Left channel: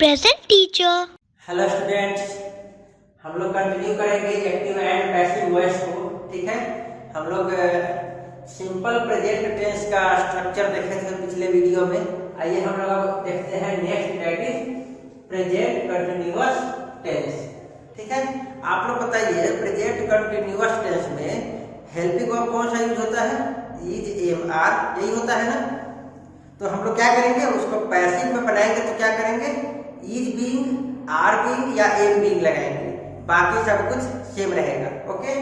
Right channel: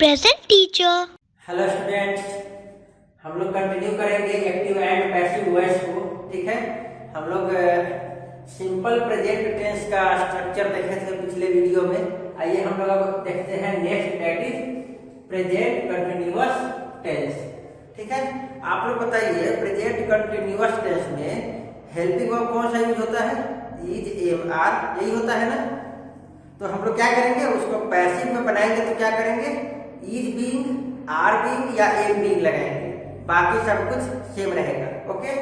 present teacher. Hello students, हम लोग continue करेंगे एक्टिव एंड पैसिव वॉइस को। ठीक है, हम लोग सिंपल प्रेजेंट टेंस का स्ट्रक्चर देखे थे पिछले वीडियो में। आइए हम लोग अब देखते हैं next, that is present continuous tense. ठीक है, आप लोग बताइए प्रेजेंट कंटिन्यूअस टेंस में हेल्पिंग वर्ब कौन सा यूज होता है? इज, एम, आर, यही होता है ना। तो हम लोग क्या करेंगे, उसको पैसिव में बनाएंगे तो क्या करेंगे, इज बीइंग, आर बीइंग या एम बीइंग लगाएंगे, बाकी सब कुछ सेम रहेगा। ओके,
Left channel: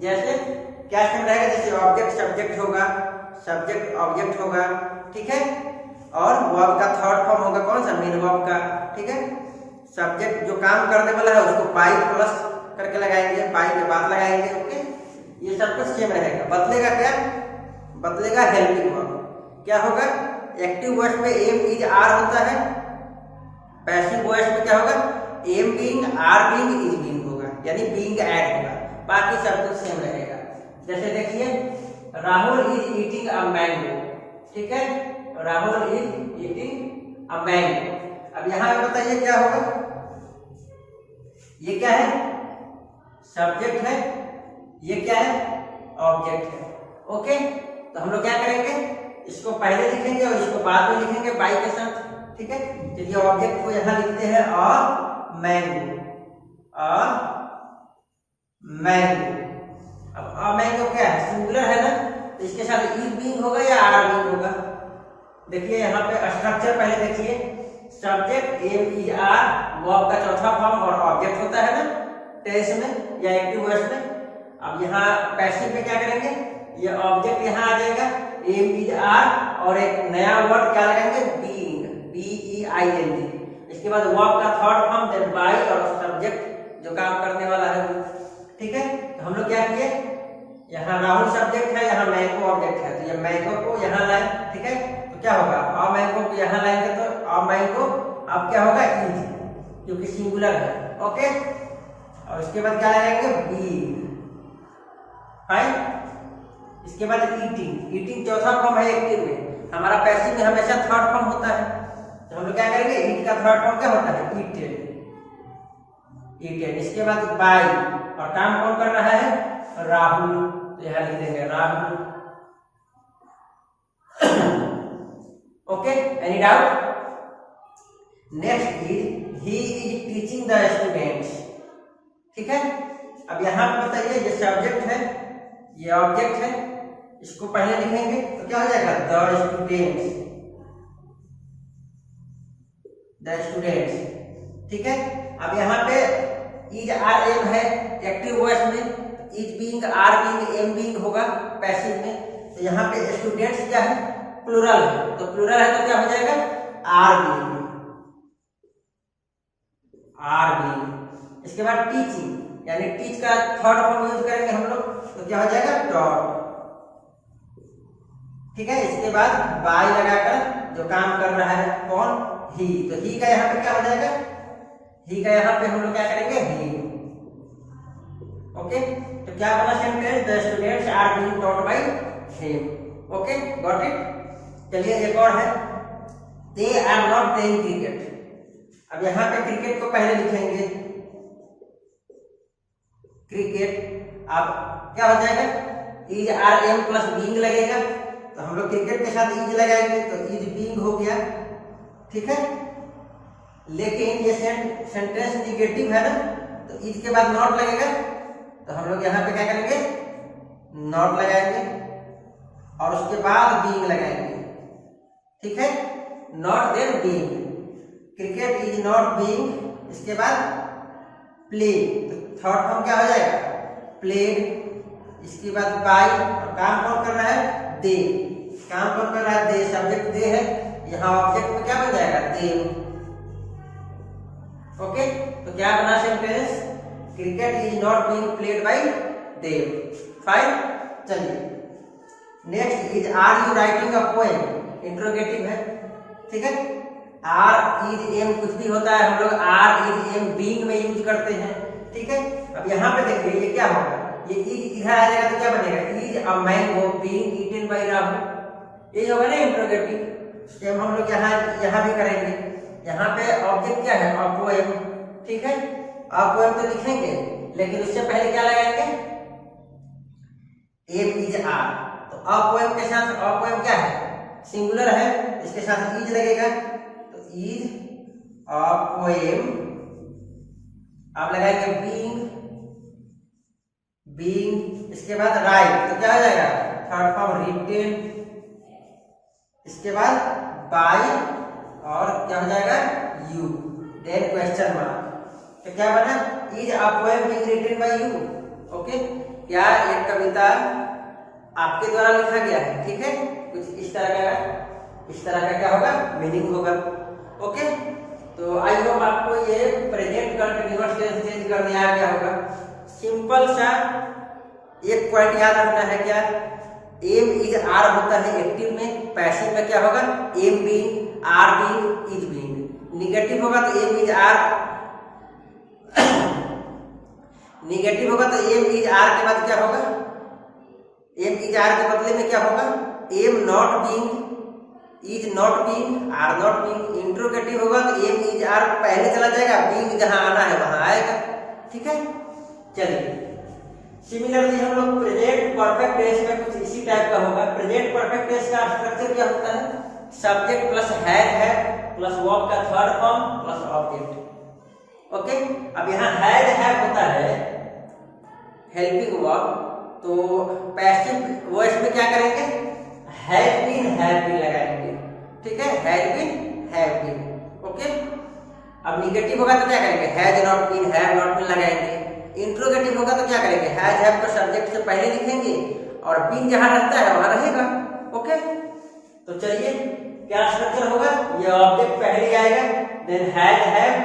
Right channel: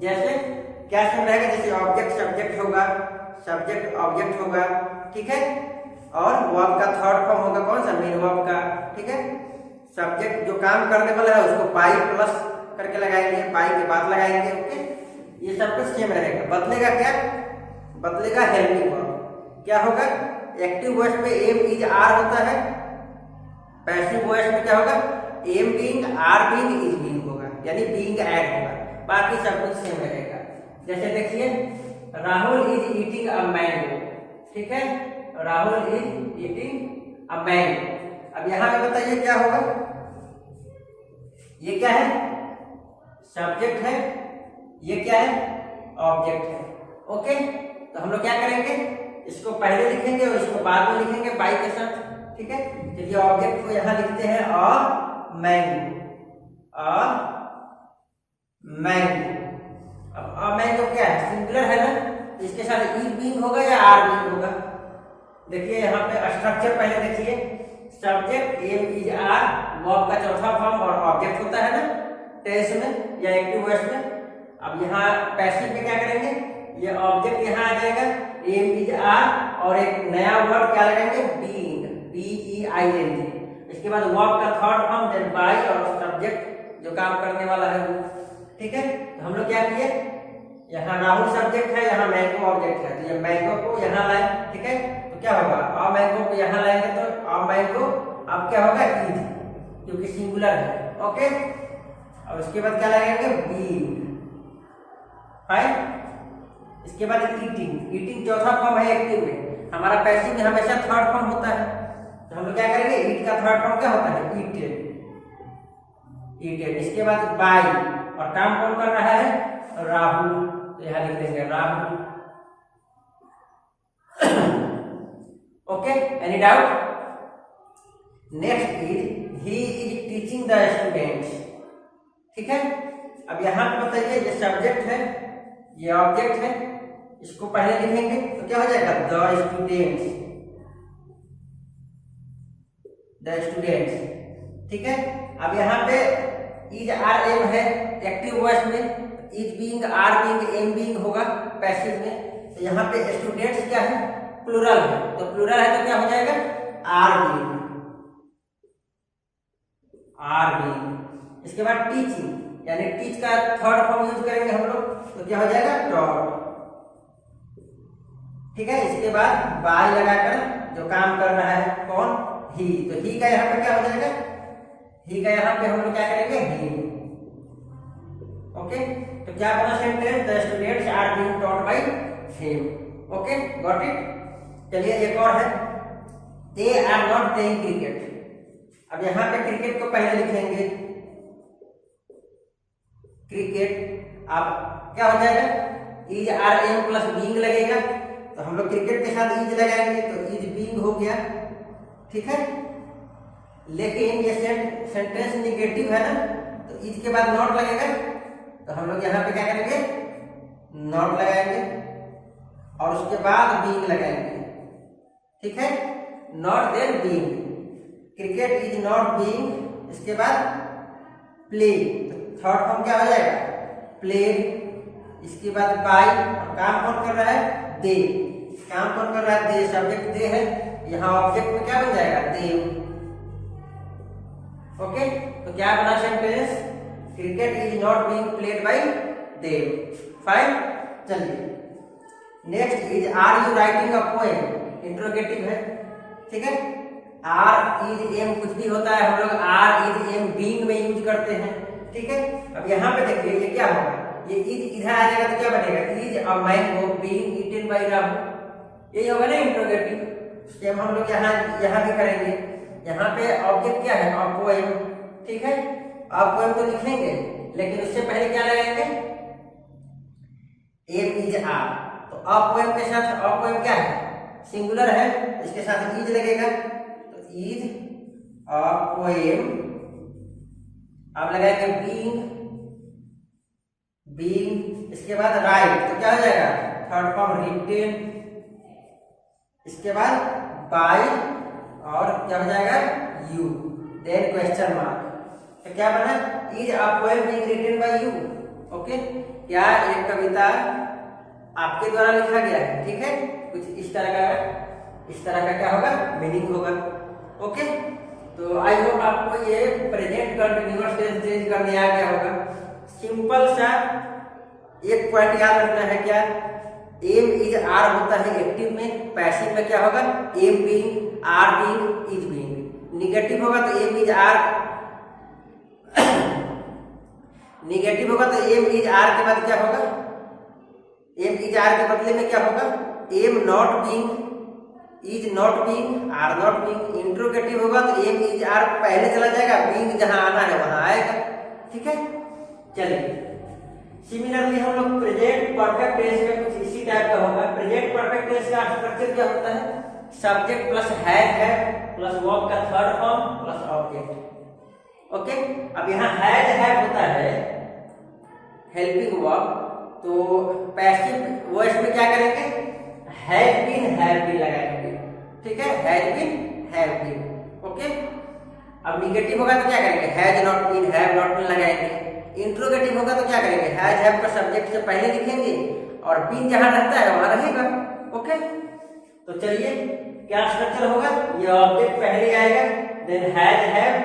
जैसे क्या सेम रहेगा, जैसे ऑब्जेक्ट सब्जेक्ट होगा, सब्जेक्ट ऑब्जेक्ट होगा। ठीक है, और वर्ब का थर्ड फॉर्म होगा कौन सा, मेन वर्ब का। ठीक है, सब्जेक्ट जो काम करने वाला है उसको बाई प्लस करके लगाएंगे, बाई के बाद लगाएंगे। ओके, ये सब कुछ सेम रहेगा। बदलेगा क्या, बदलेगा हेल्पिंग वर्ब। क्या होगा, एक्टिव वॉइस में एम, इज, आर होता है, पैसिव वॉइस में क्या होगा, am being, are being, is being होगा, यानी बीइंग ऐड होगा, बाकी सब कुछ सेम रहेगा। जैसे देखिए, Rahul is eating a mango. ठीक है, Rahul is eating a mango. अब यहाँ पे बताइए क्या होगा, ये क्या है, सब्जेक्ट है, ये क्या है, ऑब्जेक्ट है। ओके, तो हम लोग क्या करेंगे, इसको पहले लिखेंगे और इसको बाद में लिखेंगे बाई के साथ। ठीक है, चलिए ऑब्जेक्ट को यहां लिखते हैं और मैंगो, और मैंगो। अब मैंगो क्या है, सिंगुलर है ना, तो इसके साथ इज बीइंग होगा या आर बीइंग होगा। देखिए यहाँ पे स्ट्रक्चर पहले देखिए, subject am, is, are, verb का चौथा फॉर्म और ऑब्जेक्ट होता है ना टेंस में या एक्टिव वॉइस में। अब यहाँ पैसिव में क्या करेंगे, ये ऑब्जेक्ट यहाँ आ जाएगा, एम, इज, आर, और एक नया वर्ड क्या लगाएंगे, बीइंग, बीईआईएनजी। इसके बाद वर्ब का थर्ड फॉर्म, देन बाई, और सब्जेक्ट जो काम करने वाला है वो। ठीक है, तो हम लोग क्या किए, यहाँ राहुल सब्जेक्ट है, यहाँ मैंगो ऑब्जेक्ट है, तो ये मैंगो को यहाँ लाए। ठीक है, तो क्या होगा, और मैंगो को यहाँ लाएंगे तो और मैंगो अब क्या होगा, इज, क्योंकि सिंगुलर है। ओके, और इसके बाद क्या लगाएंगे, बीइंग। फाइन, इसके बाद ईटिंग, ईटिंग चौथा फॉर्म है एक्टिव में, हमारा पैसिव में हमेशा थर्ड फॉर्म होता है। तो हम लोग क्या करेंगे, ईट का थर्ड फॉर्म क्या होता है, ईटेड, ईटेड। इसके बाद बाई, और काम कौन कर रहा है, राहुल, तो यहाँ लिख देंगे Rahul. Okay, any doubt. Next is he is teaching the students. ठीक है, अब यहाँ पे बताइए, ये सब्जेक्ट है, ये ऑब्जेक्ट है, इसको पहले लिखेंगे तो क्या हो जाएगा, द स्टूडेंट्स, द स्टूडेंट्स। ठीक है, अब यहाँ पे इज, आर, एम है एक्टिव वॉइस में, is being, are being, am being होगा पैसिव में। तो यहाँ पे स्टूडेंट्स क्या है, प्लूरल है, तो प्लूरल है तो क्या हो जाएगा, आर बीइंग, आर बीइंग। इसके बाद टीचिंग, यानी टीच का थर्ड फॉर्म यूज करेंगे हम लोग, तो क्या हो जाएगा, टॉट। ठीक है, इसके बाद बाई लगाकर जो काम कर रहा है कौन, ही, तो ही का यहाँ पे क्या हो जाएगा, ही का यहाँ पे हम लोग क्या करेंगे, ही। ओके, तो क्या बना sentence, the students are being taught by him. Okay, got it. चलिए एक और है, they are not playing cricket. अब यहाँ पे क्रिकेट को पहले लिखेंगे, क्रिकेट। अब क्या हो जाएगा, is, are, am plus being लगेगा, तो हम लोग क्रिकेट के साथ इज लगाएंगे तो इज बीइंग हो गया। ठीक है, लेकिन ये सेंटेंस निगेटिव है ना, तो इज के बाद नॉट लगेगा, तो हम लोग यहाँ पे क्या करेंगे, नॉट लगाएंगे और उसके बाद बीइंग लगाएंगे। ठीक है, not then being, cricket is not being, इसके बाद प्ले, थर्ड फॉर्म क्या हो जाएगा, प्लेड। इसके बाद बाय, और काम कौन कर रहा है, दे, काम कौन कर रहा है, दे, सब्जेक्ट दे है, यहाँ ऑब्जेक्ट में क्या बन जाएगा, देव। ओके, तो क्या बना sentence, cricket is not being played by Dev. Fine, चलिए next is, are you writing a poem, interrogative है। ठीक है, आर, इज, एम कुछ भी होता है, हम लोग आर, इज, एम बीइंग में यूज करते हैं। ठीक है, अब यहाँ पे देखिए ये क्या होगा, ये इज इधर आ जाएगा तो क्या बनेगा, is a mango being eaten by Rahul, ये होगा ना इंट्रोगेटिव। सेम हम लोग यहाँ भी करेंगे, यहाँ पे ऑब्जेक्ट क्या है, अ पोएम, ठीक है। अ पोएम तो लिखेंगे, लेकिन उससे पहले क्या लगाएंगे, एम इज आर। तो अ पोएम के साथ, अ पोएम क्या है, सिंगुलर है, इसके साथ इज लगेगा, तो इज अ पोएम। अब लगाएंगे बीइंग, बीइंग, इसके बाद राइट, तो क्या हो जाएगा, थर्ड फॉर्म रिटेन, इसके बाद बाय, और क्या हो जाएगा, यू, देन क्वेश्चन मार्क। तो क्या बना, is a poem being written by you. Okay, क्या एक कविता आपके द्वारा लिखा गया है, ठीक है, कुछ इस तरह का क्या होगा, मीनिंग होगा। ओके, तो आई होप आपको ये प्रेजेंट कंटिन्यूअस टेंस चेंज करने आ गया होगा। सिंपल सा एक पॉइंट याद रखना है, क्या, एम इज आर होता है एक्टिव में, पैसिव में क्या होगा, am being, are being, is being. Negative होगा तो एम इज आर, निगेटिव होगा तो एम इज आर के बाद क्या होगा, एम इज आर के बदले में क्या होगा, am not being, is not being, are not being. Interrogative होगा तो एम इज आर पहले चला जाएगा, बीइंग जहां आना है वहां आएगा, ठीक है। चलिए, सिमिलरली हम लोग प्रेजेंट परफेक्ट टेंस में कुछ इसी टाइप का होगा। प्रेजेंट परफेक्ट टेंस का स्ट्रक्चर क्या होता है, सब्जेक्ट प्लस है प्लस वर्ब का third form plus object. Okay, अब यहाँ हैड होता है हेल्पिंग वर्ब, तो पैसिव वॉइस में क्या करेंगे, हैव बीन लगाएंगे, ठीक है, हैव बीन। ओके, अब निगेटिव होगा तो क्या करेंगे, has not been, have not been लगाएंगे। इंट्रोगेटिव होगा तो क्या करेंगे, हैज हैव को सब्जेक्ट से पहले लिखेंगे और बीन जहां रहता है वहां रहेगा। ओके, तो चलिए क्या स्ट्रक्चर होगा, ये ऑब्जेक्ट पहले आएगा, देन हैज हैव,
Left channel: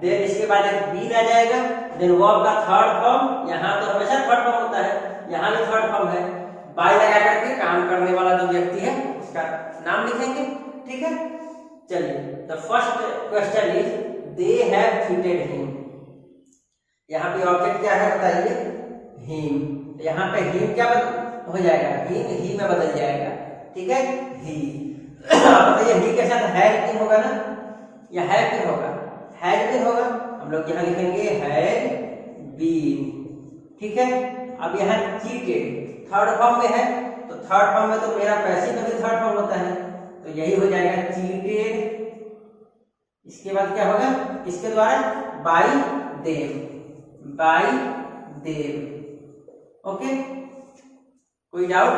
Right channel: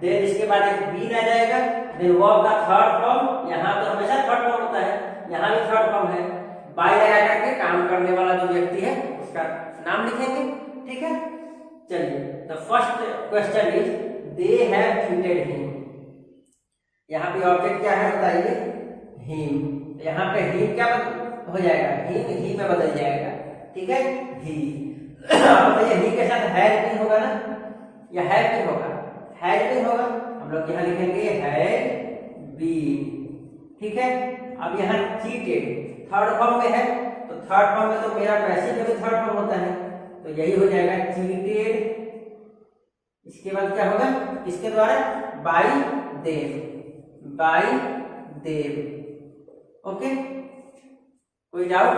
देन इसके बाद एक बीन आ जाएगा, देन वर्ब का थर्ड फॉर्म, यहाँ तो हमेशा थर्ड फॉर्म होता है, यहाँ भी थर्ड फॉर्म है, बाय लगा करके काम करने वाला जो व्यक्ति है उसका नाम लिखेंगे, ठीक है। चलिए, the first question is they have treated him. यहाँ पे ऑब्जेक्ट क्या है बताइए, हिम, यहाँ पे हिम क्या हो जाएगा, हिम ही में बदल जाएगा, ठीक है, ही। बताइए ही के साथ हैज बीन होगा ना, या हैव बीन होगा, हैज बीन होगा, हम लोग यहाँ लिखेंगे हैज बीन, ठीक है। अब यहाँ चीटेड थर्ड फॉर्म में है, तो थर्ड फॉर्म में तो मेरा पैसिव में भी थर्ड फॉर्म होता है, तो यही हो जाएगा चीटेड। इसके बाद क्या होगा, इसके द्वारा bye them, bye them. Okay, कोई डाउट,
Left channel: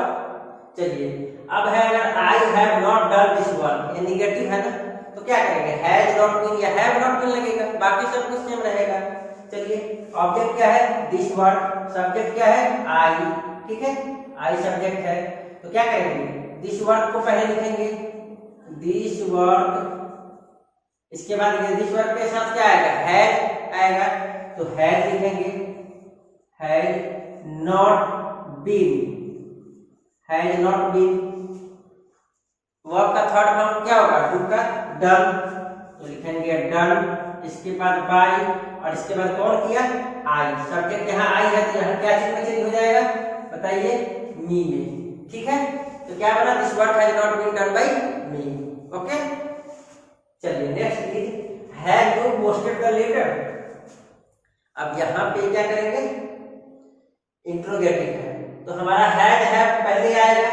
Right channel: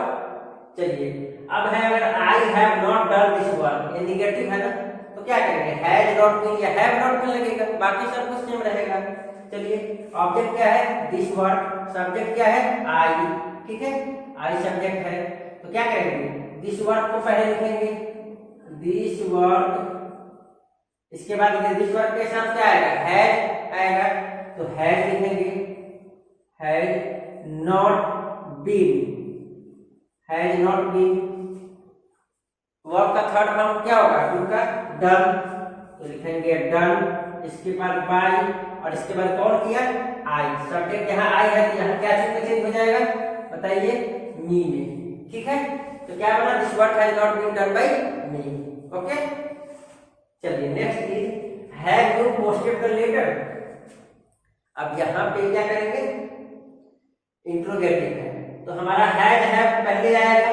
चलिए। अब है अगर I have not done this work, ये निगेटिव है ना, तो क्या करेंगे, हैज नॉट बीन या हैव नॉट बीन लगेगा, बाकी सब कुछ सेम रहेगा। चलिए, ऑब्जेक्ट क्या है, दिस वर्क, सब्जेक्ट क्या है, आई, ठीक है, आई सब्जेक्ट है, तो क्या करेंगे, दिस वर्क को पहले लिखेंगे, दिस वर्क, इसके बाद दिस वर्क के साथ क्या आएगा, हैज आएगा, तो हैज लिखेंगे, has not been, has not been. Verb का थर्ड फॉर्म क्या होगा, डू का डन, तो लिखेंगे डन, इसके बाद बाय, और इसके बाद कौन किया, आई, सब्जेक्ट यहाँ आई है, तो यहाँ क्या चीज में चेंज हो जाएगा बताइए, मी में, ठीक है। तो क्या बना, this work has not been done by me. Okay, चलिए next is have you posted the letter. अब यहाँ पे क्या करेंगे, इंट्रोगेटिव है, तो हमारा हैड हैव पहले आएगा,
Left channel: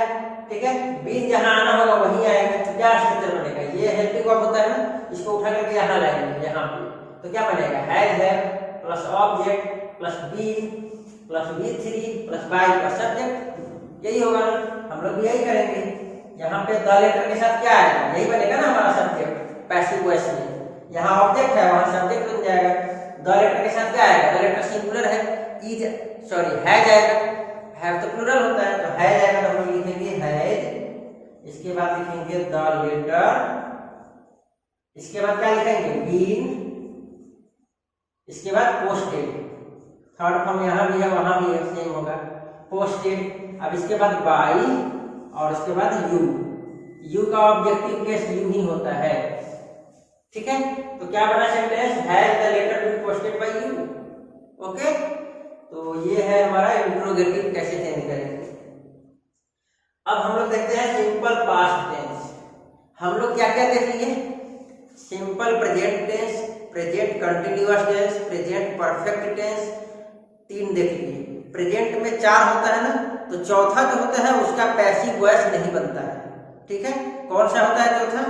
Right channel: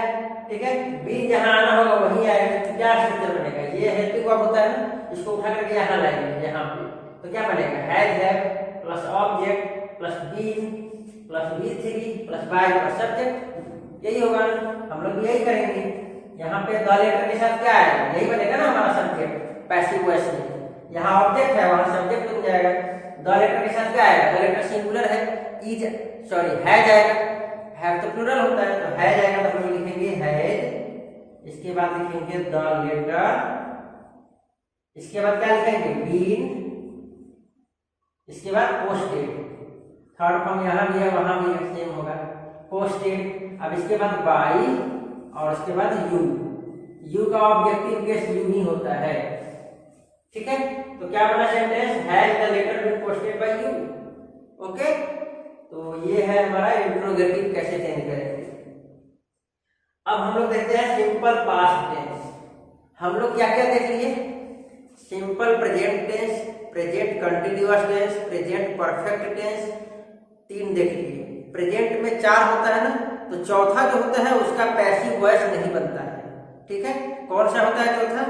ठीक है, बीन जहां आना होगा वहीं आएगा, तो क्या स्ट्रक्चर बनेगा, ये हेल्पिंग वर्ब होता है ना, इसको उठा करके यहाँ लाएंगे, यहाँ पे, तो क्या बनेगा, had have plus object plus been plus V3 plus by plus subject, यही होगा ना, हम लोग भी यही करेंगे। यहाँ पे द लेटर के साथ क्या आएगा, यही बनेगा ना हमारा सब्जेक्ट पैसिव वॉइस में, यहाँ ऑब्जेक्ट है वहां सब्जेक्ट बन जाएगा। द लेटर के साथ क्या आएगा, द लेटर सिंगुलर है, इज सॉरी हैज आएगा, हैव तो प्लूरल होता है, तो हैज आएगा, तो हम लोग लिखेंगे हैज, इसके बाद लिखेंगे द लेटर, इसके बाद क्या लिखेंगे, बीन, इसके बाद पोस्टेड, थर्ड फॉर्म यहाँ भी है वहां भी है, सेम होगा, पोस्टेड। अब इसके बाद बाय, और इसके बाद यू का ऑब्जेक्टिव केस यू ही होता है, ठीक है। तो क्या बना sentence, has the letter been posted by you. Okay, तो ये है हमारा इंट्रोगेटिव कैसे चेंज करेंगे। अब हम लोग देखते हैं सिंपल पास्ट टेंस। हम लोग क्या क्या देख लिए, simple present tense, present continuous tense, present perfect tense, 3 देख लीजिए। प्रेजेंट में 4 होता है ना, तो चौथा जो होता है उसका पैसिव वॉइस नहीं बनता है, ठीक है। कौन सा होता है चौथा?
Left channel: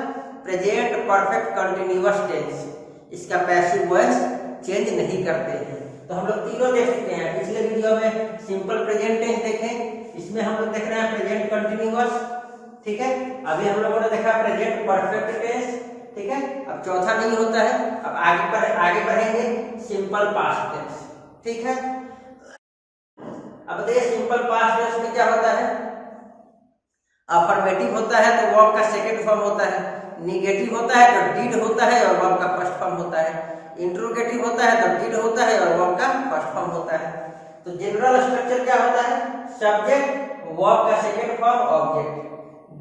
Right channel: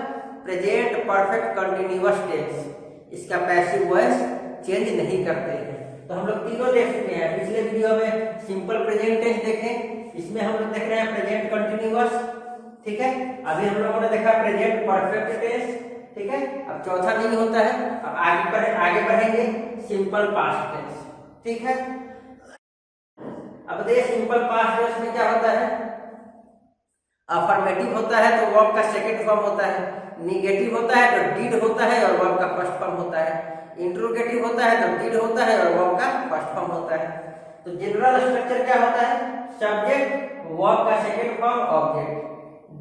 प्रेजेंट परफेक्ट कंटिन्यूअस टेंस, इसका पैसिव वॉइस चेंज नहीं करते हैं। तो हम लोग तीनों देख चुके हैं। पिछले वीडियो में सिंपल प्रेजेंट टेंस देखे, इसमें हम लोग देख रहे हैं प्रेजेंट कंटिन्यूअस, ठीक है। अभी हम लोगों ने देखा प्रेजेंट परफेक्ट टेंस, ठीक है। अब चौथा नहीं होता है, अब आगे बढ़ेंगे सिंपल पास्ट टेंस, ठीक है। अब देखिए सिंपल पास्ट टेंस में क्या होता है? अफर्मेटिव होता है तो वर्ब का सेकंड फॉर्म होता है, निगेटिव होता है तो डिड होता है और वर्ब का फर्स्ट फॉर्म होता है, इंट्रोगेटिव होता है तो डिड होता है और वर्ब का फर्स्ट फॉर्म होता है। तो जनरल स्ट्रक्चर क्या होता है? सब्जेक्ट, वर्ब का second form, object.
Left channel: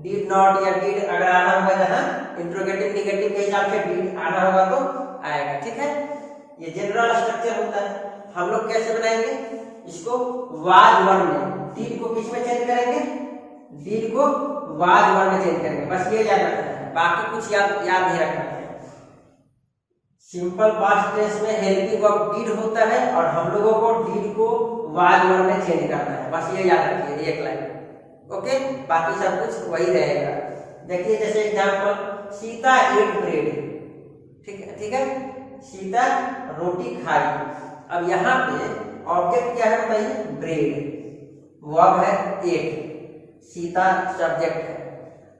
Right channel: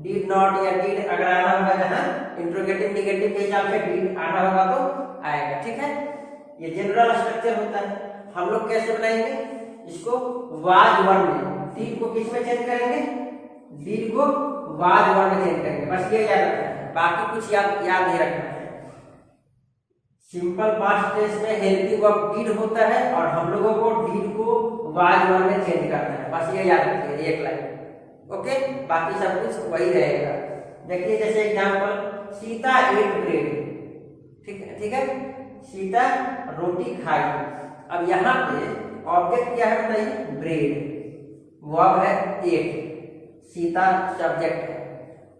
Did not या डिड अगर आना होगा जहां इंट्रोगेटिव निगेटिव के हिसाब से डिड आना होगा तो आएगा, ठीक है। ये जनरल स्ट्रक्चर होता है। हम लोग कैसे बनाएंगे इसको? वाज वर्ब में डिड को किस में चेंज करेंगे? डिड को वाज वर्ब में चेंज करेंगे, बस ये याद रखना है, बाकी कुछ याद नहीं रखना है। सिंपल पास्ट टेंस में हेल्पिंग वर्ब डिड होता है और हम लोगों को डिड को वाज वर्ब में चेंज करना है, बस ये याद रखिए, एक लाइन, ओके। बाकी सब कुछ वही रहेगा। देखिए जैसे एग्जांपल, सीता एट ब्रेड, ठीक है, सीता रोटी खाई। अब यहाँ पे ऑब्जेक्ट क्या है बताइए? ब्रेड, वर्ब है एट, सीता सब्जेक्ट है।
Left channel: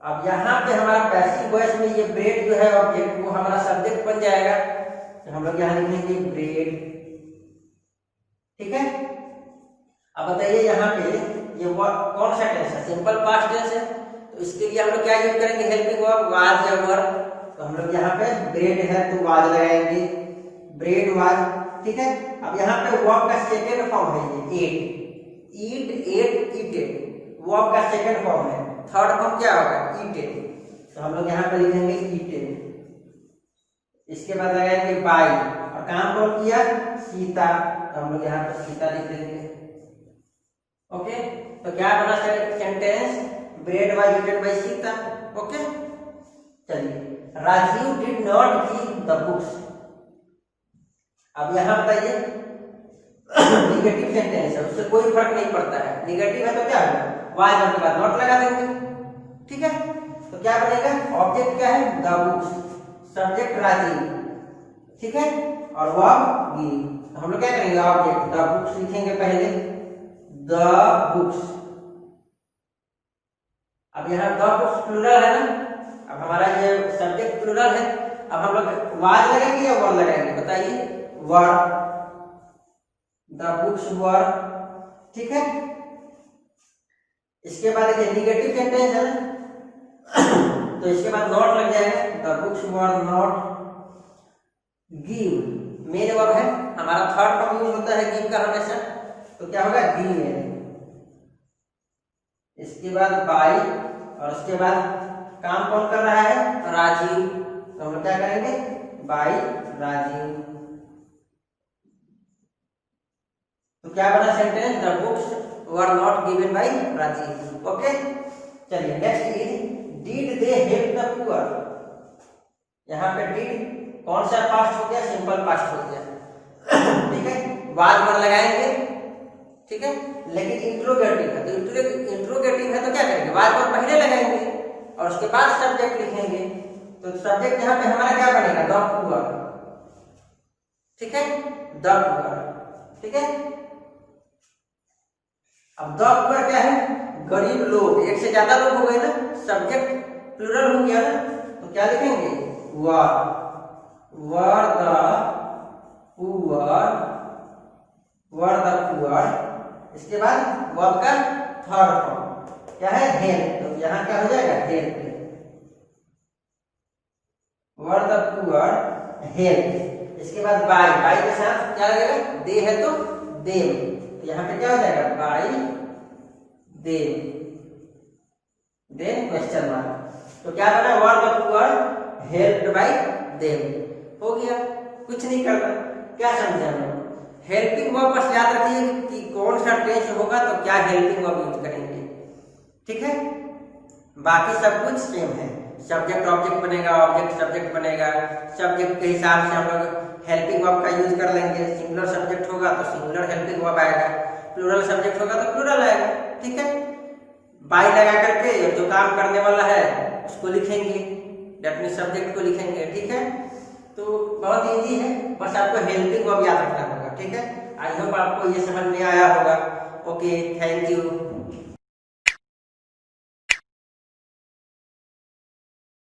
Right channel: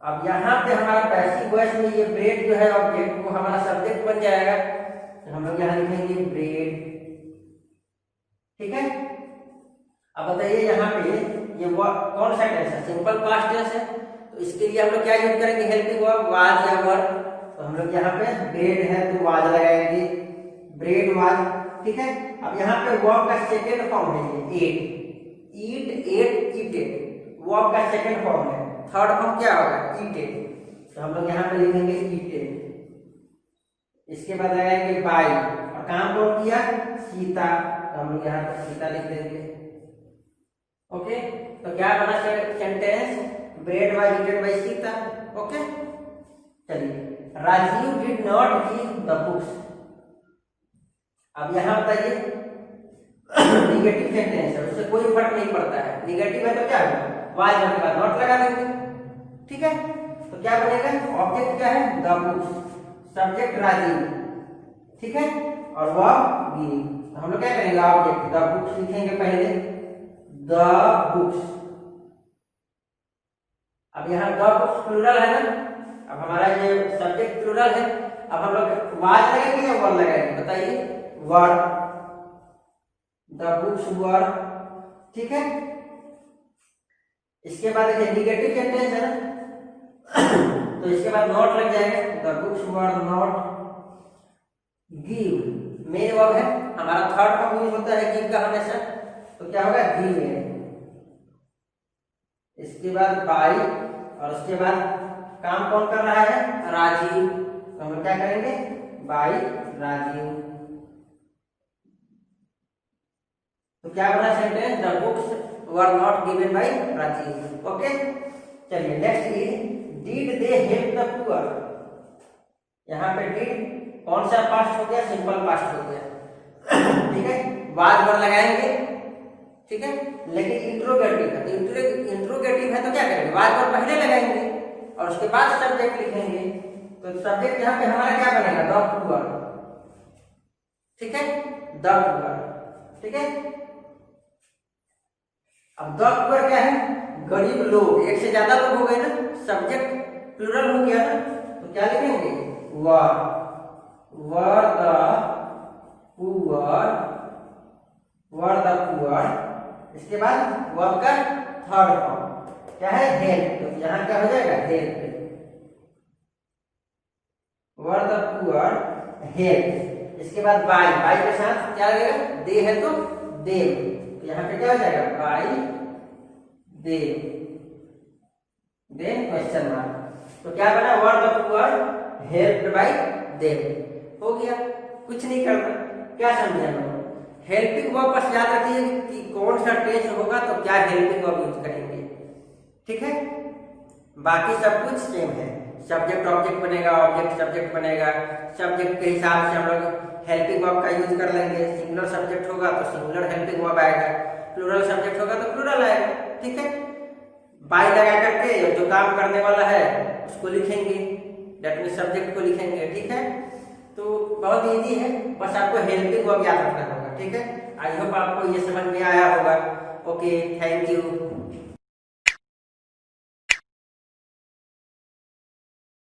अब यहाँ पे हमारा पैसिव वॉइस में ये ब्रेड जो है ऑब्जेक्ट, वो हमारा सब्जेक्ट बन जाएगा, तो हम लोग यहाँ लिखेंगे ब्रेड, ठीक है। अब बताइए यहाँ पे ये कौन सा टेंस है? सिंपल पास्ट टेंस है, तो इसके लिए हम लोग क्या यूज करेंगे? हेल्पिंग वर्ब, वाज या वर। तो हम लोग यहाँ पे ब्रेड है तो वाज लगाएंगे, ब्रेड वाज, ठीक है। अब यहाँ पे वर्ब का सेकेंड फॉर्म है ये एट, ईट एट ईटेड, वर्ब का सेकंड फॉर्म है। थर्ड फॉर्म क्या होगा? ईटेड, तो हम लोग यहाँ पे लिखेंगे ईटेड। इसके बाद लगाएंगे बाई, और काम कौन किया? सीता, तो हम लोग यहाँ पे सीता लिख देंगे, ओके। तो क्या बना sentence? Bread was eated by Sita, okay. चलिए, Rajiv did not read the books. अब यहाँ बताइए निगेटिव सेंटेंस है, उससे कोई फर्क नहीं पड़ता है। निगेटिव है तो क्या होगा? वाज वर्ब के बाद नॉट लगा देंगे, ठीक है। तो क्या बनेगा? ऑब्जेक्ट क्या है? द बुक्स, सब्जेक्ट राजीव, ठीक है, और वर्ब गिव। तो हम लोग क्या करेंगे? ऑब्जेक्ट द बुक्स लिखेंगे पहले, द बुक्स। अब यहाँ द बुक्स प्लूरल है ना, अब हमारा ये सब्जेक्ट प्लूरल है। अब हम लोग वाज लगेंगे या वर्ब लगाएंगे? बताइए, वर्ब, द बुक्स वर्ब, ठीक है। इसके बाद देखिए निगेटिव सेंटेंस है ना, तो इसके बाद नॉट लग जाएगा, the books were not give, main verb है हमारा, थर्ड फॉर्म यूज होता है गिव का हमेशा, तो क्या होगा? गिव। इसके बाद बाई, और उसके बाद काम कौन कर रहा है? राजीव, तो हम लोग क्या करेंगे? बाई राजीव। तो क्या बना sentence? The books were not given by Rajiv, okay. चलिए next is did they help the poor. यहाँ पे डिड कौन सा पास्ट हो गया? सिंपल पास्ट हो गया, ठीक है। वाज वर्ब लगाएंगे, ठीक है, लेकिन इंट्रोगेटिव है तो इंट्रोगेटिव है तो क्या करेंगे? वाज वर्ब पहले लगाएंगे और उसके बाद सब्जेक्ट लिखेंगे। तो सब्जेक्ट यहाँ पे हमारा क्या बनेगा? द पुअर, ठीक है, द पुअर, ठीक है। अब द पुअर क्या है? गरीब लोग, एक से ज्यादा लोग हो गए ना, सब्जेक्ट प्लूरल हो गया ना, तो क्या लिखेंगे? Were, were the poor, were the poor. इसके बाद वर्ब का थर्ड फॉर्म क्या है? हेल्प, तो यहाँ क्या हो जाएगा? Help, were the poor help. इसके बाद बाई, बाई के साथ क्या लगेगा? दे है तो देम, तो यहाँ पे क्या हो जाएगा? By them, them question mark. तो क्या बना? वर the poor helped bye them, हो गया, कुछ नहीं करना। क्या समझे हम लोग? हेल्पिंग वर्ब बस याद रखिए कि कौन सा टेंस होगा तो क्या हेल्पिंग वर्ब यूज करेंगे, ठीक है। बाकी सब कुछ सेम है। सब्जेक्ट ऑब्जेक्ट बनेगा, ऑब्जेक्ट सब्जेक्ट बनेगा। सब्जेक्ट के हिसाब से हम लोग हेल्पिंग वर्ब का यूज कर लेंगे। सिंगुलर सब्जेक्ट होगा तो सिंगुलर हेल्पिंग वर्ब आएगा, प्लूरल सब्जेक्ट होगा तो प्लूरल आएगा। ठीक है, बाई लगा करके और जो काम करने वाला है उसको लिखेंगे, दैट मीन सब्जेक्ट को लिखेंगे। ठीक है, तो बहुत इजी है, बस आपको हेल्पिंग वर्ब याद रखना होगा। ठीक है, आई होप आपको ये समझ में आया होगा। Okay, thank you.